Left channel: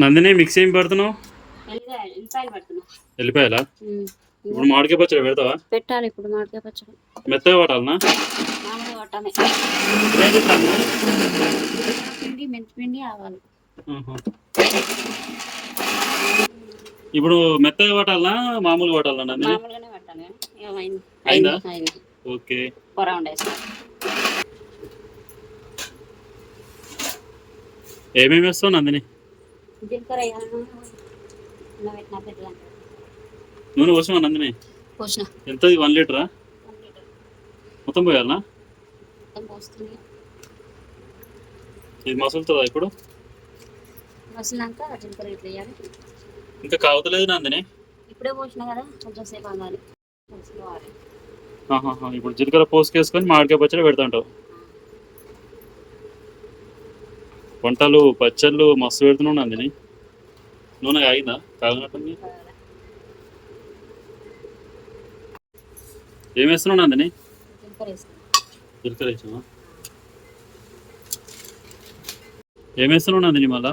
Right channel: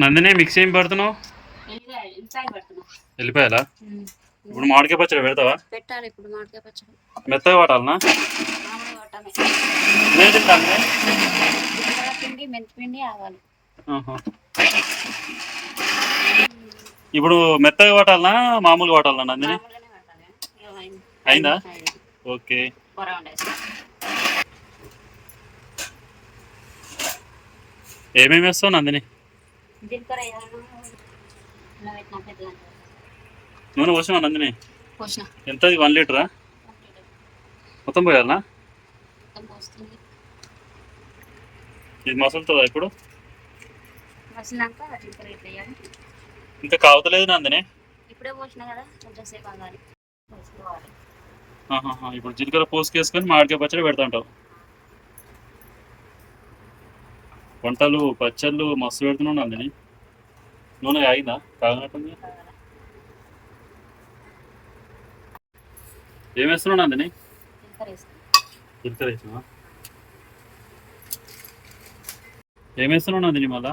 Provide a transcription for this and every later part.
Nandini mixie ఏం పడుతున్నావు? వెళ్ళిపోయాలా? ఇప్పుడు మామిడికాయ పచ్చడి పెడతావా? పెట్టాలి ఇప్పుడు మామిడికాయ పచ్చడి. మెత్తగా పట్టాలనా? పిండి మెంతిపిండి ఆవాలి. ఇప్పుడు మెత్తగా పట్టాలనా మామూలుగా పట్టాలనా నందిని? అయిందా? ఓకే. ఏమేమి వేస్తావు నందిని? నూనె పోసావా నందిని? ఎంత 1 లీటరా? మొత్తం పోయాలనా? ఇది మసులుతుందా ఇప్పుడు? ఇంకా కావతలేదు నందిని. ఇప్పుడు జీలకర్ర పోసుకేసుకొని మామిడికాయ పచ్చడి పెడతాంటావు. వంటలు పచ్చళ్ళు మస్తు పెడుతున్నావు నందిని. నూనె కాగిందా? కాగినట్టుంది. ఏం వేస్తున్నావు నందిని? జీలకర్ర వేసినావా? ఏం వేస్తున్నావు నందిని మళ్ళా?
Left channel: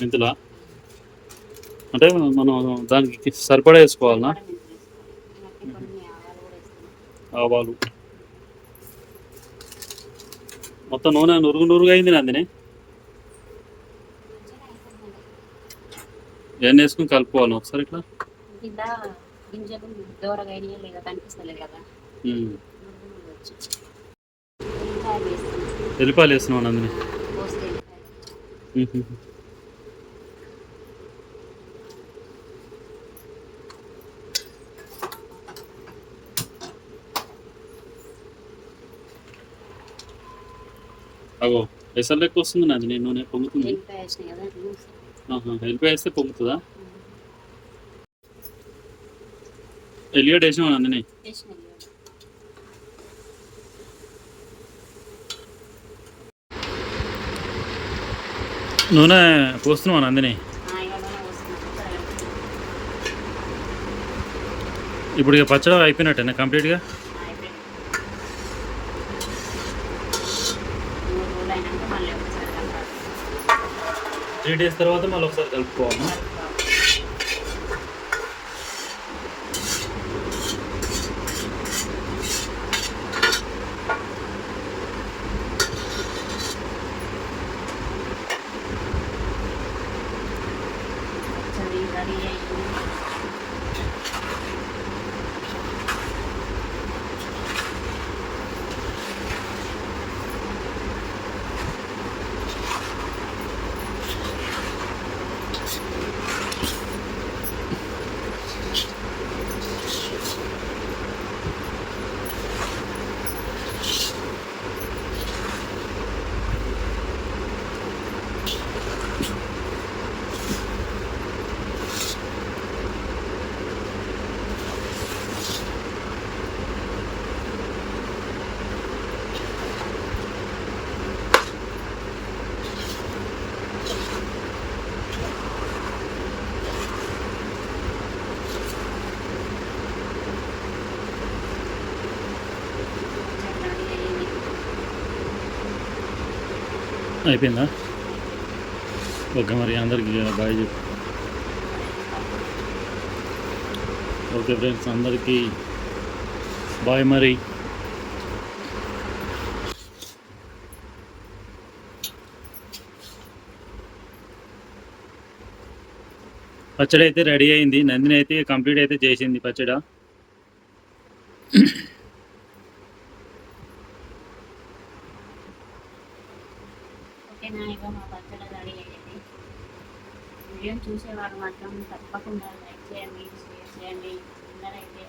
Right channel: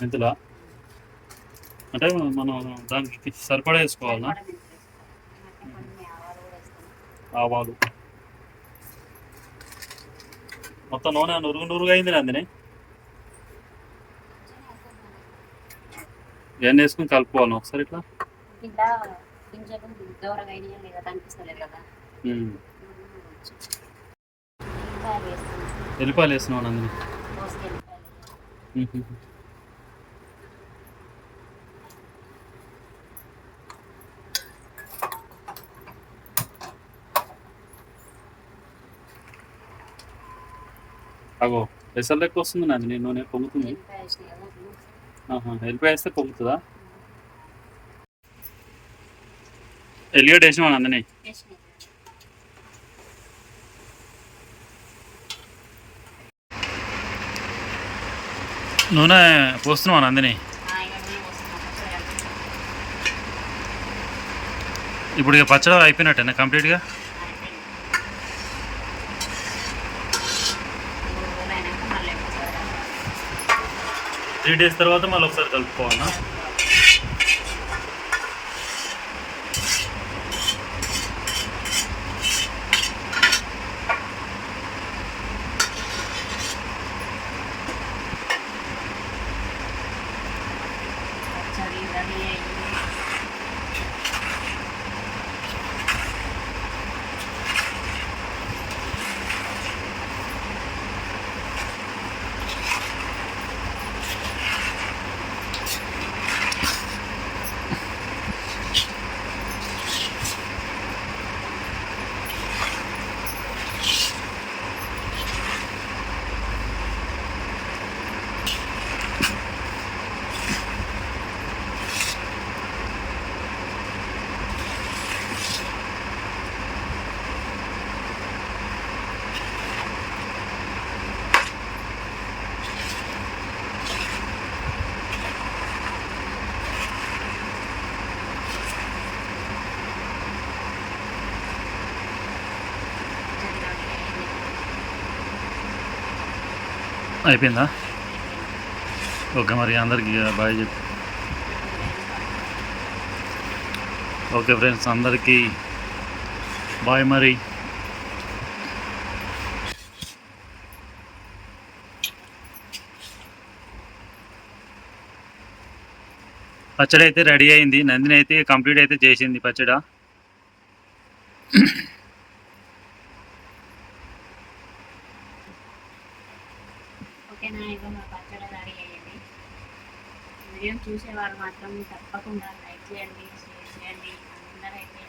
మెంతులా? అంటే మనం దానికి సరిపడా వేసుకోవాలనా? ఆవాలు. మొత్తం నూనె నురుగుగా అయింది నందిని. ఇవన్నీ వేసుకుని కలుపుకోవాలి ఒకసారి ఇట్లా. ఎల్లిపాయలు వేస్తున్నావు నందిని. అగో ఎసరు లెక్క వస్తుంది నందిని. నూనె పొంగుతుంది. ఎల్లిపాయ వేస్తే పొంగుతుందా? ఎల్లిగడ్డ వేసినావా నందిని? నూనె పోస్తున్నావా నందిని? ఇప్పుడు ఇక పచ్చడి అయిపోయినట్టేనా కంప్లీట్గా? త్రీ డేస్ తర్వాత మళ్ళీ ఒకసారి కలుపుకోవాలన్నా? అయిపోయిందా? ఓకే, మరి అందరికి బాయ్ చెప్పు. ఓకే ఫ్రెండ్స్, అందరికీ బాయ్. మరి పచ్చడి అయితే రెడీ అయింది. నందిని అయితే కంప్లీట్ అయితే చేసింది పచ్చడి. ఓకేనా? ఇగో మా పచ్చడి రెడీ అయ్యింది. వీడియో చూసేవారు మాత్రం తప్పకుండా లైక్ చేయండి, షేర్ చేయండి. అందరైతే